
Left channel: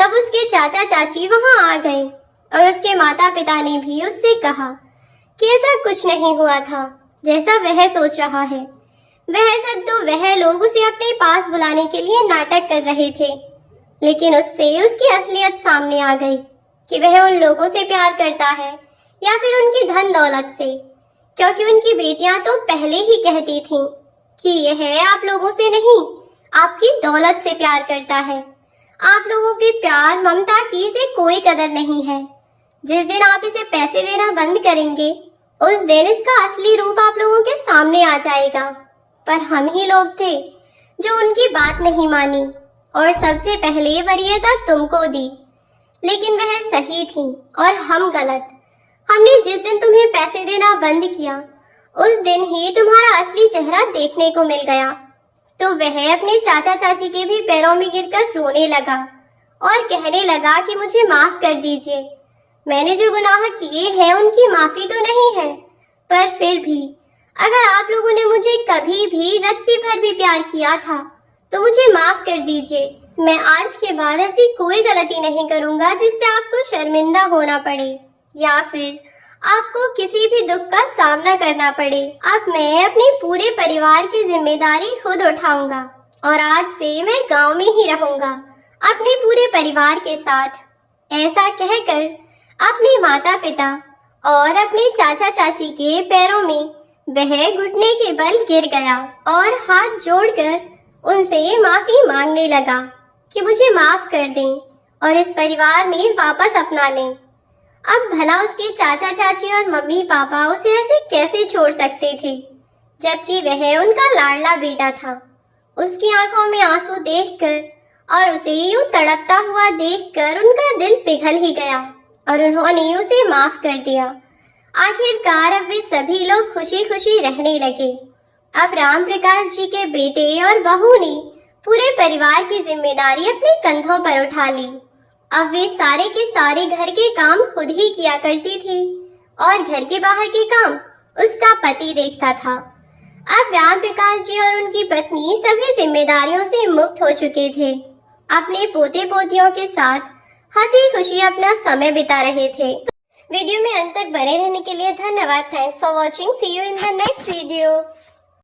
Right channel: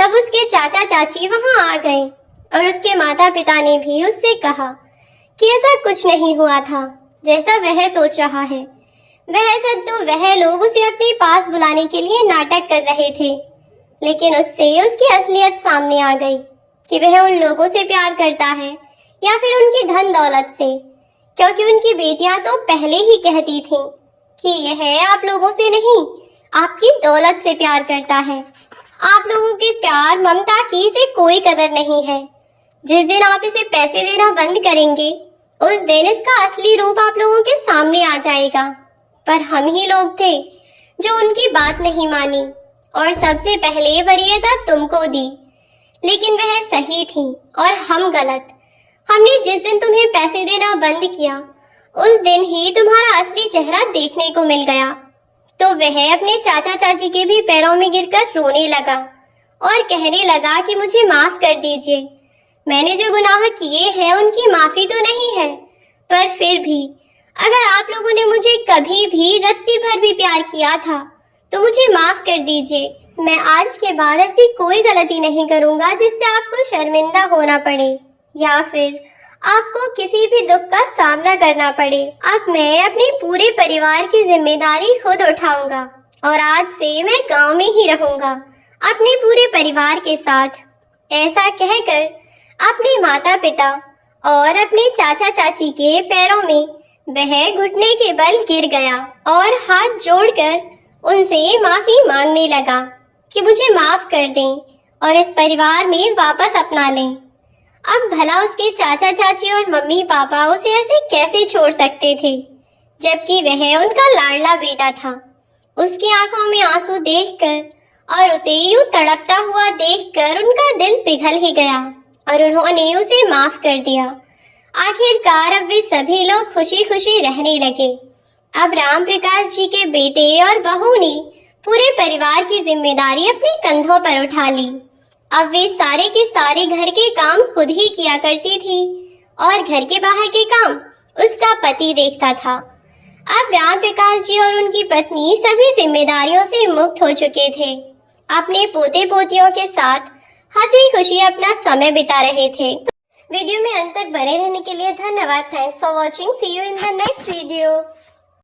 तब उसके चाचा चाची वहां आ गए और उसके माता पिता ने भी उससे कहा कि ऐसा कुछ नहीं हुआ था जैसा वह सोच रहा है। वह सब तो वह लोग उसे अपने पास बुलाने के लिए नाटक कर रहे थे, लेकिन उससे उसकी असलियत सामने आ गई कि वह उन लोगों से प्यार करता है या फिर उनकी धन दौलत से, क्योंकि उनकी बेटियां तो पहले ही कहती थीं कि यह आप लोगों से नहीं, आपकी दौलत से प्यार करता है। आप लोगों के प्यार ममता की इसे कोई कदर नहीं है। जिस दिन आप इसे पैसे देना बंद करेंगे उस दिन इसका असली रूप आप लोगों के सामने आ जाएगा। पर हम ही लोग थे जो उनकी बात नहीं मानी और सबसे पहले वरीयता तुमको दी, लेकिन वह सही थी और हम गलत। हमने जिस दिन तुम्हें पैसे देना बंद किया उस दिन ही तुम्हारा असली चेहरा देखने को मिल गया। तो वह अपने चाचा चाची के भी पैरों में गिरकर रोने लगा और कहने लगा कि मुझे माफ कर दीजिए, मैंने जो गुनाह किए हैं उनकी माफी तो नहीं है, पर फिर भी अगर आप लोगों ने मुझे कभी भी रत्ती भर भी प्यार किया था तो मुझे माफ कर दीजिए। मैं आज के बाद ऐसी कोई गलती नहीं करूंगा जिससे आपको शर्मिंदा होना पड़े या फिर आपको किसी भी दुख का सामना करना पड़े। अब मैं अपने पूरे परिवार की जिम्मेदारी खुद उठाऊंगा और आज से मैं गांव में ही रहूंगा अपने पूरे परिवार के साथ। ऐसा कहकर अपने माता पिता और अपने चाचा चाची के पैरों में वह घुटने के बल गिर गया और हाथ जोड़कर उनसे माफी मांगने लगा कि मुझे माफ कर दें और इस परिवार में वापस अपना लें। अब भला उसके चाचा चाची और मम्मी पापा उसे ऐसे कैसे छोड़ सकते थे, जबकि वह उनका लाडला बेटा था। उसकी आंखों में आंसू देखकर और उसे यूं तड़पता हुआ देखकर उनका दिल पिघल ही गया और उन्होंने उसे माफ कर दिया। आखिरकार अब वे सभी लोग खुशी खुशी रहने लगे। अब राम प्रकाश जी के बेटे और बहू ने पूरे परिवार की जिम्मेदारी अपने कंधों पर उठा ली। अब वे सारे के सारे घर के काम खुद ही किया करती थी और घर के बाहर के काम उसका पति देखता था। अब राम प्रकाश जी और उनकी पत्नी सभी जिम्मेदारियों से मुक्त हो चुके थे। अपने पोते पोतियों के साथ हंसी खुशी अपना समय बिता रहे थे। वीडियो में अंत तक बने रहने के लिए धन्यवाद। Thanks for watching. See you in the next video.